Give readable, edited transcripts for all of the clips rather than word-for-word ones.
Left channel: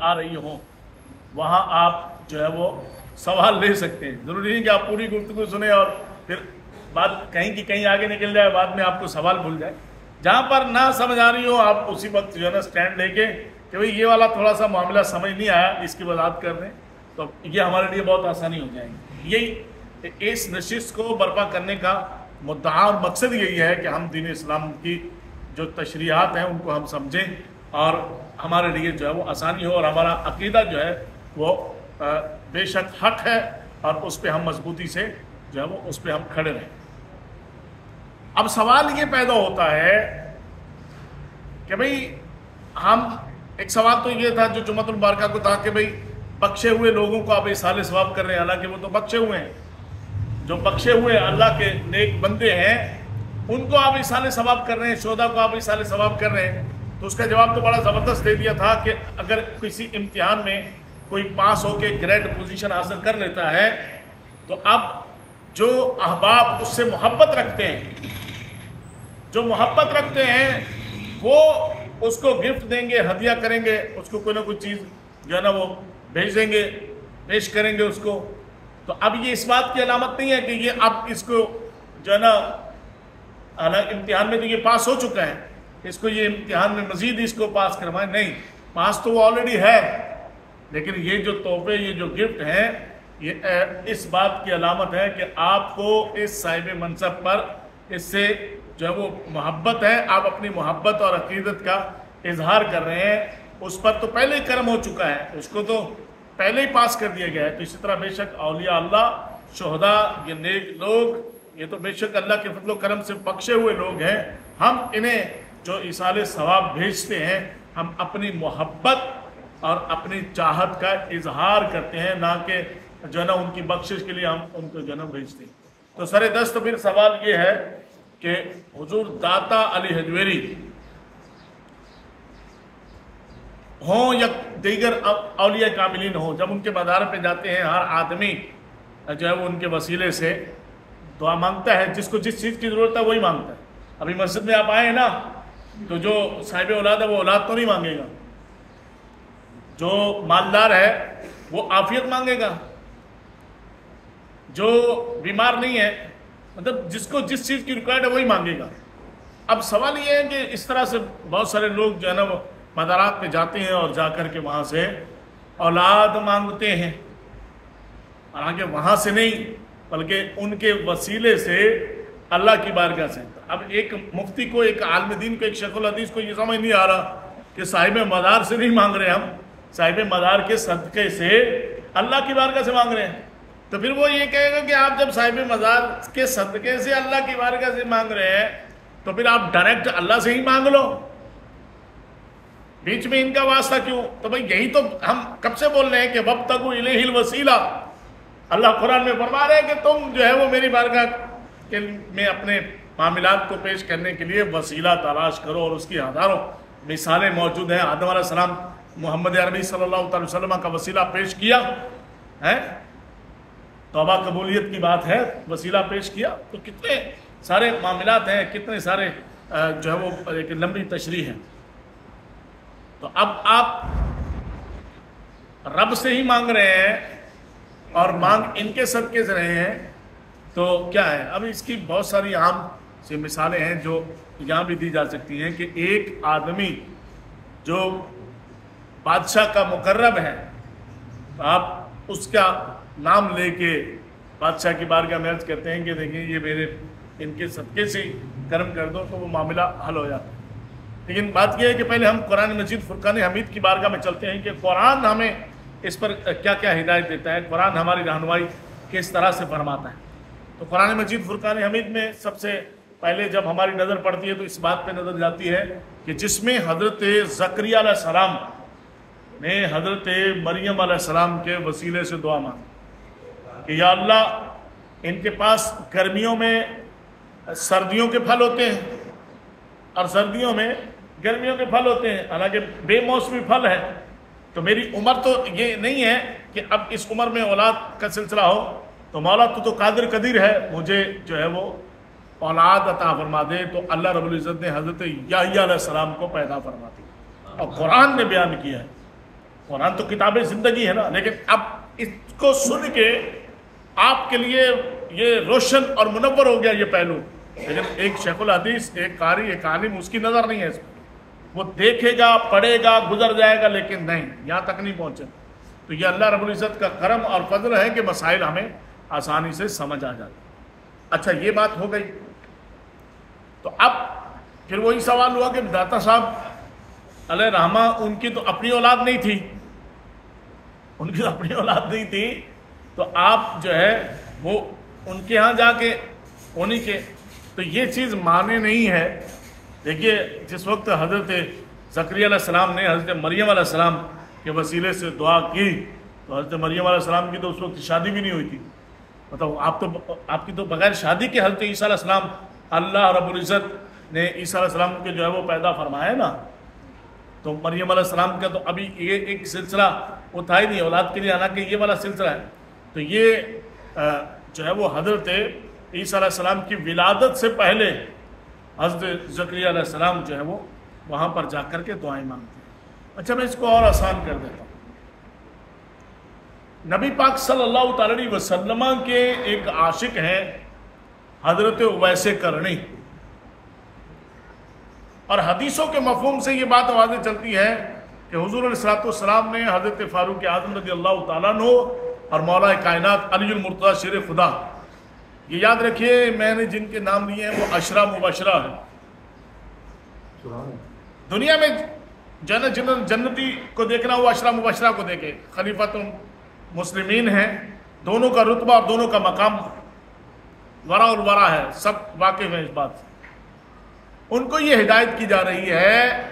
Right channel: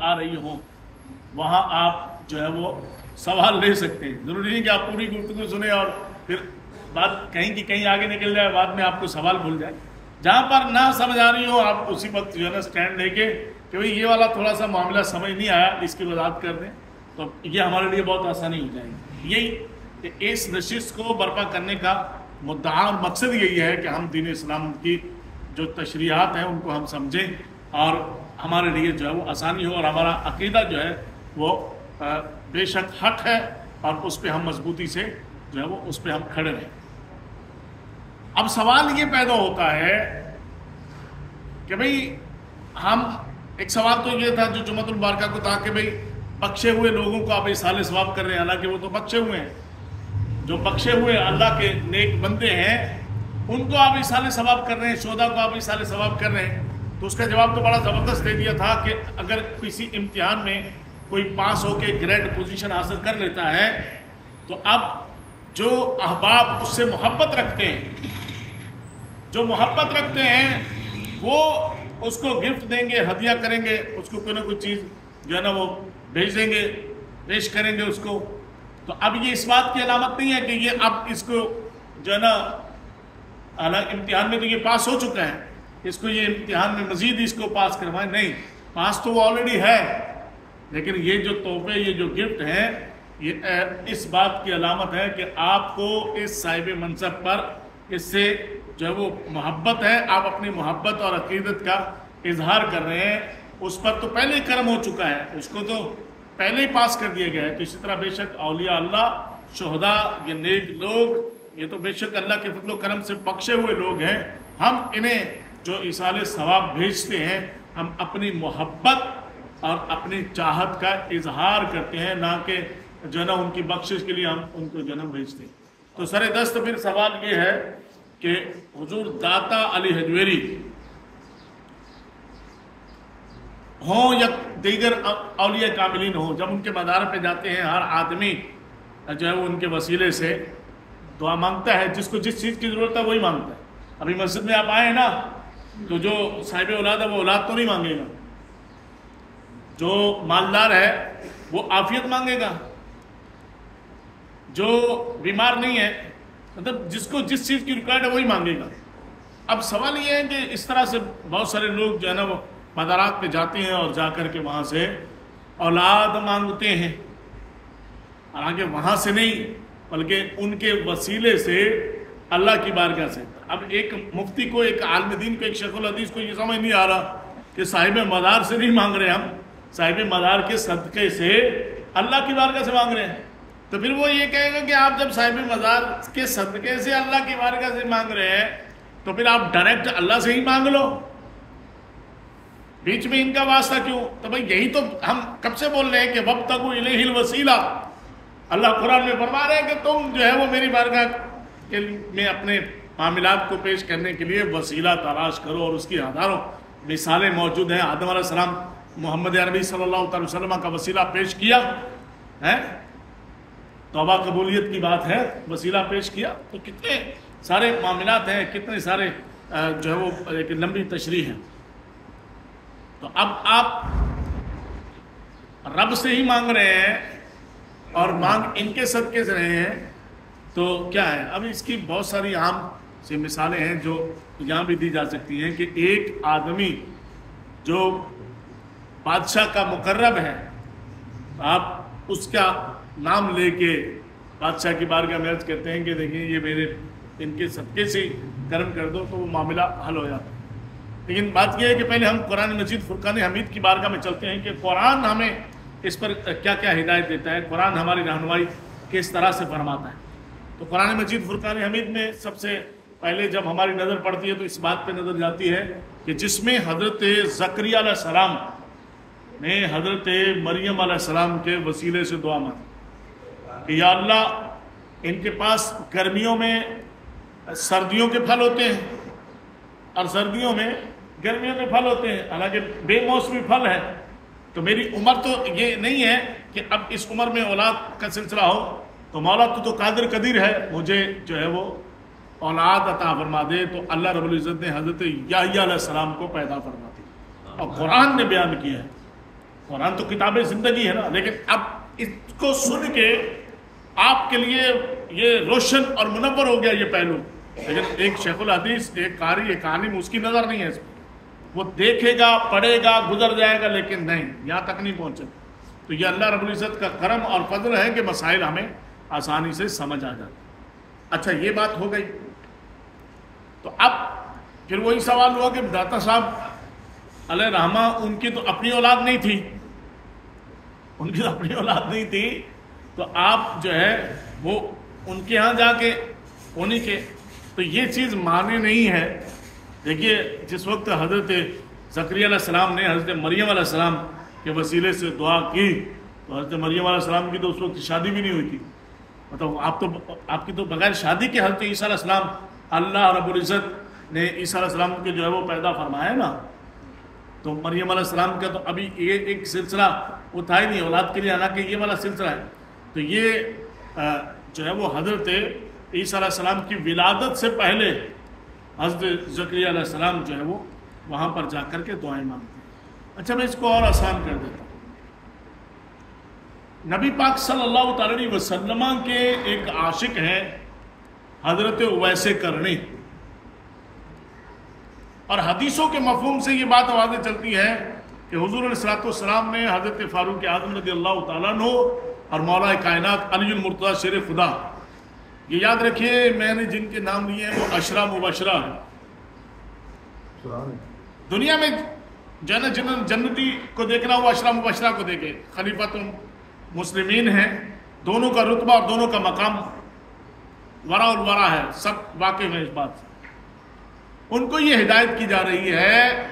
آ رہی ہوں وہاں آپ جو ہے وہ سوال لے سکتے ہیں. ضروری نہیں کہ آپ پوری گفتگو سنیں اور پھر بات کہیں کی کہیں آگے نکل جائے, بعد میں آپ کو سوال بھول جائے. جہاں پر نہ سمجھ آ رہی ہو آپ اسی وقت جو ہے نا اسٹینڈ لے کے کہ بھئی یہ والا تھوڑا سا معاملہ سمجھ نہیں آیا, اس کی وضاحت کر دیں, تو یہ ہمارے لیے بہت آسانی ہو جائے گی. یہی اس نشست کو برپا کرنے کا مدعا اور مقصد یہی ہے کہ ہم دین اسلام کی جو تشریحات ہیں ان کو ہم سمجھیں اور ہمارے لیے جو ہے وہ آسانی ہو, اور ہمارا عقیدہ جو ہے وہ بے شک حق ہے اور اس پہ ہم مضبوطی سے جو ہے وہ اس پہ ہم کھڑے رہیں. اب سوال یہ پیدا ہوتا ہے کہ بھئی ہم ایک سوال تو یہ تھا جو جمعۃ المبارکہ کو تھا کہ بھئی بخشے ہوئے لوگوں کو آپ ایصال ثواب کر رہے ہیں, حالانکہ وہ تو بخشے ہوئے ہیں. جو بخشے ہوئے اللہ کے نیک بندے ہیں ان کو آپ ایصال ثواب کر رہے ہیں, شہداء کو آپ ایصال ثواب کر رہے ہیں. تو اس کا جواب تو بڑا زبردست دے دیا تھا کہ اگر کسی امتحان میں کوئی پاس ہو کے گریڈ پوزیشن حاصل کر لیتا ہے تو اب جو احباب اس سے محبت رکھتے ہیں, جو محبت رکھتے ہیں وہ اس کو گفٹ دیں گے, ہدیہ کریں گے, اس کو کوئی نہ کوئی چیز جو ہے نا وہ بھیج دیں گے, پیش کریں گے اس کو. تو اب یہ اس بات کی علامت نہیں ہے کہ یہ اب اس کو جو ہے نا امتحان میں تو یہ پاس ہو چکا ہے, اس کو یہ امتحان میں مزید اس کو پاس کروائیں. نہیں, پاس تو وہ آلریڈی ہے, لیکن یہ جو تحفے, یہ جو گفٹ ہیں, یہ اس بات کی علامت ہے کہ آپ کو اس صاحب منصب پر اس سے جو ہے وہ محبت ہے, آپ اپنی محبت اور عقیدت کا اظہار کر رہے ہیں. اس پر تو پہلے ہی کرم ہو چکا ہے, اس کو تو پہلے ہی پاس کر دیا گیا ہے. تو اسی طرح بے شک اولیاء اللہ, شہداء, یہ نیک لوگ, یہ تو بے شک اللہ کے فضل و کرم سے بخشے ہوئے لوگ ہیں. ہم انہیں جو ایصال ثواب بھیجتے ہیں ہم اپنی محبت اور اپنی چاہت کا اظہار کرتے ہیں, نہ کہ جو ہے نا ان کی بخشش کے لیے ہم ان کو جنم بھیجتے ہیں. تو سر دست پھر سوال یہ ہے کہ حضور داتا علی حجویری ہوں یا دیگر اولیاء کاملین ہوں, جب ان کے مزار پہ جاتے ہیں ہر آدمی جو ہے وہ ان کے وسیلے سے دعا مانگتا ہے, جس کو جس چیز کی ضرورت ہے وہی مانگتا ہے. ابھی مسجد میں آپ آئے نا تو جو صاحب اولاد ہے وہ اولاد تو نہیں مانگے گا, جو مالدار ہے وہ عافیت مانگے گا, جو بیمار نہیں ہے مطلب جس کو جس چیز کی ریکوائرڈ ہے وہی مانگے گا. اب سوال یہ ہے کہ اس طرح سے بہت سارے لوگ جو ہے نا وہ مزارات پہ جاتے ہیں اور جا کر کے وہاں سے اولاد مانگتے ہیں, حالانکہ وہاں سے نہیں بلکہ ان کے وسیلے سے اللہ کی بارگاہ سے. اب ایک مفتی کو, ایک عالم دین کو, ایک شیخ الحدیث کو یہ سمجھ نہیں آ رہا کہ صاحب مزار سے نہیں مانگ رہے, ہم صاحب مزار کے صدقے سے اللہ کی بارگاہ سے مانگ رہے ہیں. تو پھر وہ یہ کہے گا کہ آپ جب صاحب مزار کے صدقے سے اللہ کی بارگاہ سے مانگ رہے ہیں تو پھر آپ ڈائریکٹ اللہ سے ہی مانگ لو, بیچ میں ان کا واسطہ کیوں؟ تو بھئی یہی تو ہم کب سے بول رہے ہیں کہ وابتغوا الیہ الوسیلہ. اللہ قرآن میں فرما رہے ہیں کہ تم جو ہے وہ میری بارگاہ میں اپنے معاملات کو پیش کرنے کے لیے وسیلہ تلاش کرو, اور اس کی ہزاروں مثالیں موجود ہیں. آدم علیہ السلام محمد عربی صلی اللہ علیہ وسلم کا وسیلہ پیش کیا ہے, توبہ قبولیت کی بات ہے, وسیلہ پیش کیا. تو کتنے سارے معاملات ہیں, کتنے سارے جو ہے وہ ایک لمبی تشریح ہے. تو اب آپ رب سے ہی مانگ رہے ہیں اور مانگ ان کے صدقے سے رہے ہیں, تو کیا ہے؟ اب اس کی بہت ساری عام سی مثالیں ہیں جو یہاں بھی دی جا سکتی ہیں کہ ایک آدمی جو بادشاہ کا مقرب ہے, آپ اس کا نام لے کے بادشاہ کی بارگاہ میں عرض کرتے ہیں کہ دیکھیں یہ میرے ان کے صدقے سے کرم کر دو, تو وہ معاملہ حل ہو جاتا ہے. لیکن بات یہ ہے کہ پہلے ہم قرآن مجید فرقان حمید کی بارگاہ میں چلتے ہیں کہ قرآن ہمیں اس پر کیا کیا ہدایت دیتا ہے, قرآن ہماری رہنمائی کس طرح سے فرماتا ہے. تو قرآن مجید فرقان حمید میں سب سے پہلے جب ہماری نظر پڑتی ہے تو اس بات پہ نظر جاتی ہے کہ جس میں حضرت زکریا علیہ السلام نے حضرت مریم علیہ السلام کے وسیلے سے دعا مانگی کہ یا اللہ ان کے پاس گرمیوں میں سردیوں کے پھل ہوتے ہیں اور سردیوں میں گرمیوں کے پھل ہوتے ہیں, حالانکہ بے موسمی پھل ہے. تو میری عمر تو یہ نہیں ہے کہ اب اس عمر میں اولاد کا سلسلہ ہو, تو مولا تو قادر قدیر ہے, مجھے جو ہے وہ اولاد عطا فرما دے. تو اللہ رب العزت نے حضرت یحییٰ علیہ السلام کو پیدا فرما دی, اور قرآن نے بیان کیا ہے قرآن تو کتاب زندگی ہے نا، لیکن اب اس کو سن کے آپ کے لیے یہ روشن اور منور ہو گیا یہ پہلو، لیکن ایک شیخ الحدیث، ایک قاری، ایک عالم، اس کی نظر نہیں ہے اس میں، وہ دیکھے گا، پڑھے گا، گزر جائے گا، لیکن نہیں، یہاں تک نہیں پہنچے۔ تو یہ اللہ رب العزت کا کرم اور فضل ہے کہ مسائل ہمیں آسانی سے سمجھ آ جاتا۔ اچھا یہ بات ہو گئی، تو اب پھر وہی سوال ہوا کہ داتا صاحب علیہ رحمہ ان کی تو اپنی اولاد نہیں تھی، ان کی تو اپنی اولاد نہیں تھی، تو آپ جو ہے وہ ان کے ہاں جا کے انہیں کے، تو یہ چیز معنی نہیں ہے۔ دیکھیے جس وقت حضرت زکریا علیہ السلام نے حضرت مریم علیہ السلام کے وسیلے سے دعا کی، تو حضرت مریم علیہ السلام کی تو اس وقت شادی بھی نہیں ہوئی تھی، مطلب آپ کی تو بغیر شادی کے حضرت عیسیٰ علیہ السلام اللہ رب العزت نے عیسیٰ علیہ السلام کے جو ہے وہ پیدا فرمایا نا، تو مریم علیہ السلام کا تو ابھی یہ ایک سلسلہ وہ تھا ہی نہیں، اولاد کے لیے آنا کہ یہ والا سلسلہ ہے، تو یہ جو ہے وہ حضرت عیسیٰ علیہ السلام کی ولادت سے پہلے حضرت زکریا علیہ السلام جو ہے وہ وہاں پر جا کر کے دعائیں مانگتے ہیں۔ اچھا میں اس کو اور آسان کر دیتا ہوں، نبی پاک صلی اللہ تعالی علیہ وسلم کے ایک عاشق ہیں حضرت اویس کرنی، اور حدیثوں کے مفہوم سے یہ بات واضح چلتی ہے کہ حضور علیہ الصلوۃ والسلام نے حضرت فاروق اعظم رضی اللہ تعالیٰ عنہ اور مولا کائنات علی المرتضیٰ شیر خدا، یہ یاد رکھیے میں نے جن کے نام لیے ہیں وہ عشرہ مبشرہ ہیں۔ دنیا میں جنتی کو دیکھنا وہ عشرہ مبشرہ کو دیکھے، خلیفۃ مسلمین ہیں، دونوں کا رتبہ اور دونوں کا مقام ورا الورا ہے، سب واقف ہیں اس بات سے۔ ان کو یہ ہدایت کی جا رہی ہے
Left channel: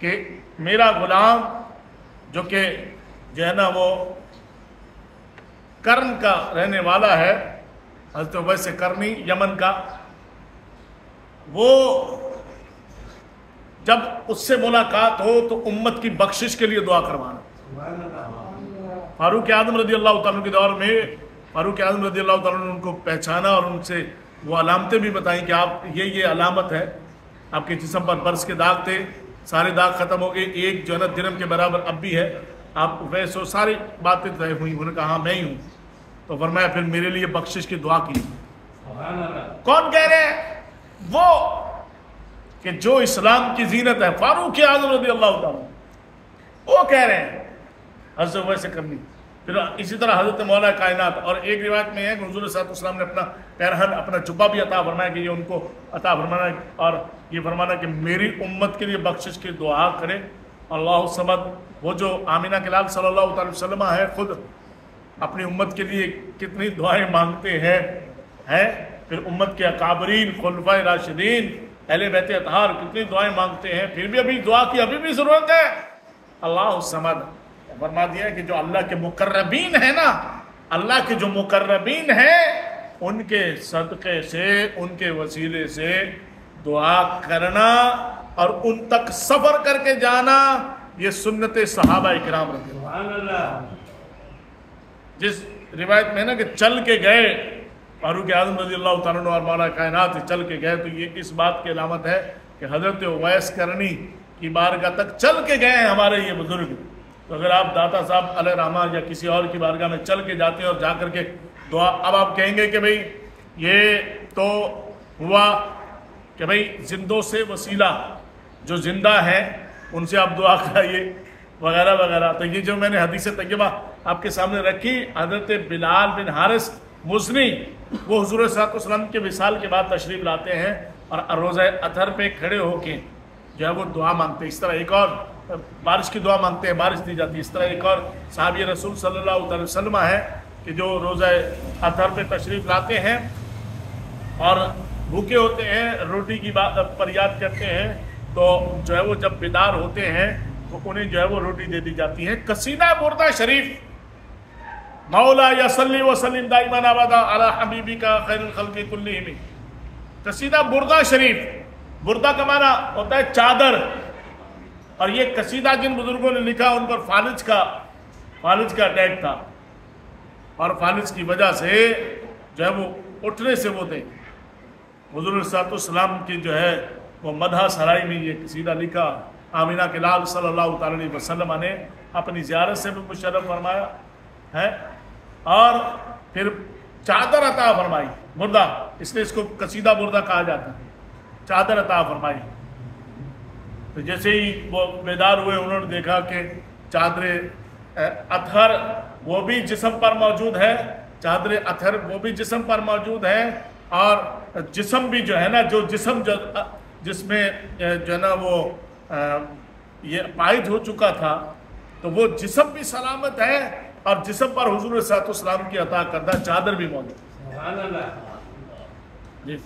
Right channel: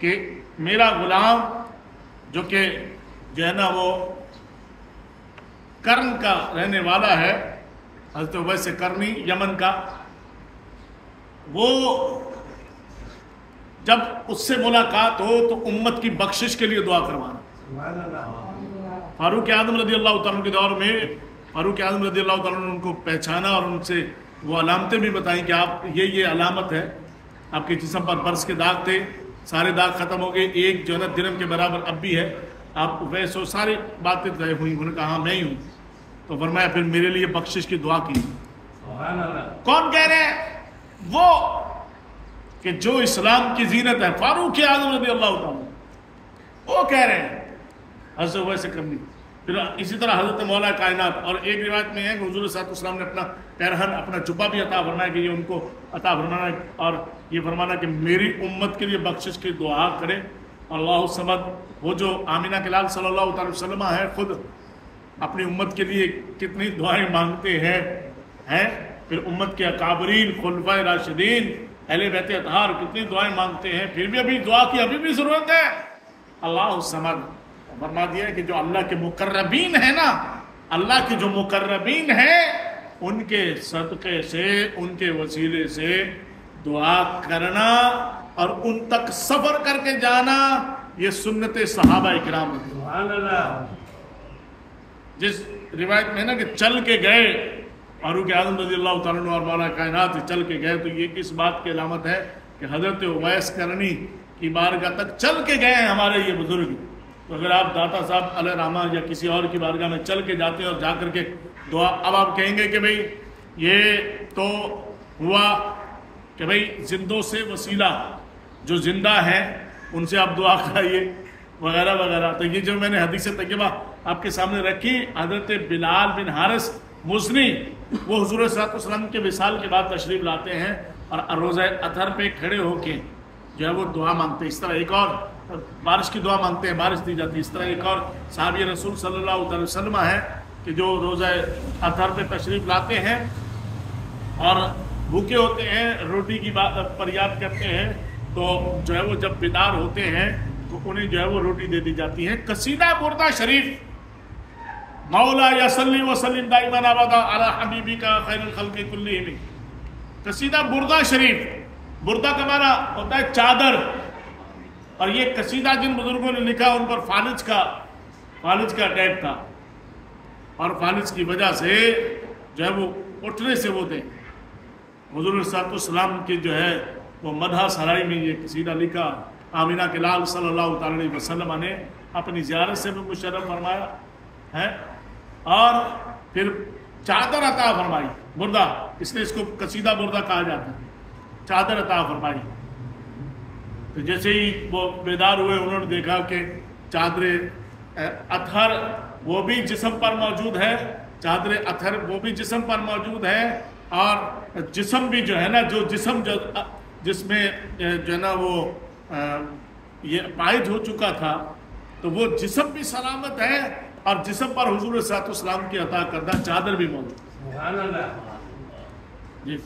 کہ میرا غلام جو کہ جو ہے نا وہ کرن کا رہنے والا ہے، حضرت اویس کرنی یمن کا، وہ جب اس سے ملاقات ہو تو امت کی بخشش کے لیے دعا کروانا۔ فاروق اعظم رضی اللہ تعالیٰ کے دور میں فاروق اعظم رضی اللہ تعالیٰ نے ان کو پہچانا اور ان سے وہ علامتیں بھی بتائیں کہ آپ یہ علامت ہے، آپ کے جسم پر برس کے داغ تھے، سارے داغ ختم ہو گئے، ایک جو ہے نا درہم کے برابر اب بھی ہے، آپ ویس ہو، ساری باتیں طے ہوئی۔ انہوں نے کہا ہاں میں ہی ہوں، تو فرمایا پھر میرے لیے بخشش کی دعا کی۔ کون کہہ رہے ہیں؟ وہ کہ جو اسلام کی زینت ہے، فاروق اعظم رضی اللہ تعالیٰ وہ کہہ رہے ہیں حضرت اویس کرنی۔ پھر اسی طرح حضرت مولا کائنات، اور ایک روایت میں ہے کہ حضور صلی اللہ علیہ وسلم نے اپنا پیرہن، اپنا جبہ بھی عطا فرمایا کہ یہ ان کو عطا فرمانا، اور یہ فرمانا کہ میری امت کے لیے بخشش کی دعا کرے۔ اللہ الصمد، وہ جو آمینہ کے لال صلی اللہ تعالی وسلم ہے، خود اپنی امت کے لیے کتنی دعائیں مانگتے ہیں، پھر امت کے اکابرین، خلفائے راشدین، اہل بیت اطہار کتنی دعائیں مانگتے ہیں، پھر بھی ابھی دعا کی ابھی بھی ضرورت ہے۔ اللہ الصمد فرما دیا کہ جو اللہ کے مقربین ہیں نا، اللہ کے جو مقربین ہیں، ان کے صدقے سے، ان کے وسیلے سے دعا کرنا اور ان تک سفر کر کے جانا، یہ سنت صحابہ کرام رضی اللہ۔ جس روایت میں ہے نا کہ چل کے گئے، فاروق اعظم رضی اللہ تعالیٰ عنہ اور مولا کائنات چل کے گئے، تو یہ کس بات کی علامت ہے کہ حضرت اویس کرنی کی بارگاہ تک چل کے گئے ہیں ہمارے یہ بزرگ۔ تو اگر آپ داتا صاحب علیہ رحمہ یا کسی اور کی بارگاہ میں چل کے جاتے ہیں اور جا کر کے دعا، اب آپ کہیں گے کہ بھئی یہ تو ہوا کہ بھئی زندوں سے وسیلہ، جو زندہ ہیں ان سے آپ دعا کرائیے وغیرہ وغیرہ۔ تو یہ جو میں نے حدیث طیبہ آپ کے سامنے رکھی، حضرت بلال بن حارث مزنی، وہ حضور صلی اللہ علیہ وسلم کے وصال کے بعد تشریف لاتے ہیں اور روزہ اطہر پہ کھڑے ہو کے جو ہے وہ دعا مانگتے ہیں۔ اس طرح ایک اور بارش کی دعا مانگتے ہیں، بارش دی جاتی ہے۔ اس طرح ایک اور صحابی رسول صلی اللہ علیہ وسلم ہے کہ جو روزہ اطہر پہ تشریف لاتے ہیں اور بھوکے ہوتے ہیں، روٹی کی بات پر یاد کرتے ہیں، تو جو ہے وہ جب بیدار ہوتے ہیں تو انہیں جو ہے وہ روٹی دے دی جاتی ہے۔ قصیدہ بردہ شریف، مولا یصلی وسلم دائما ابدا علی حبیبک خیر الخلق کلہم، قصیدہ بردہ شریف، بردہ کا معنی ہوتا ہے چادر، اور یہ قصیدہ جن بزرگوں نے لکھا ان پر فالج کا اٹیک تھا، اور فالج کی وجہ سے جو ہے وہ اٹھنے سے وہ تھے۔ حضور صلی اللہ علیہ وسلم کی جو ہے وہ مدح سرائی میں یہ قصیدہ لکھا، آمینہ کے لال صلی اللہ تعالی علیہ وسلم نے اپنی زیارت سے بھی مشرف فرمایا ہے، اور پھر چادر عطا فرمائی، بردہ، اس لیے اس کو قصیدہ بردہ کہا جاتا ہے، چادر عطا فرمائی۔ تو جیسے ہی وہ بیدار ہوئے انہوں نے دیکھا کہ چادر اطہر وہ بھی جسم پر موجود ہے، چادر اطہر وہ بھی جسم پر موجود ہے، اور جسم بھی جو ہے نا، جو جسم جس میں جو ہے نا وہ یہ پائد ہو چکا تھا، تو وہ جسم بھی سلامت ہے، اور جسم پر حضور صلی اللہ علیہ وسلم کی عطا کردہ چادر بھی موجود ہے۔ سبحان اللہ۔ جی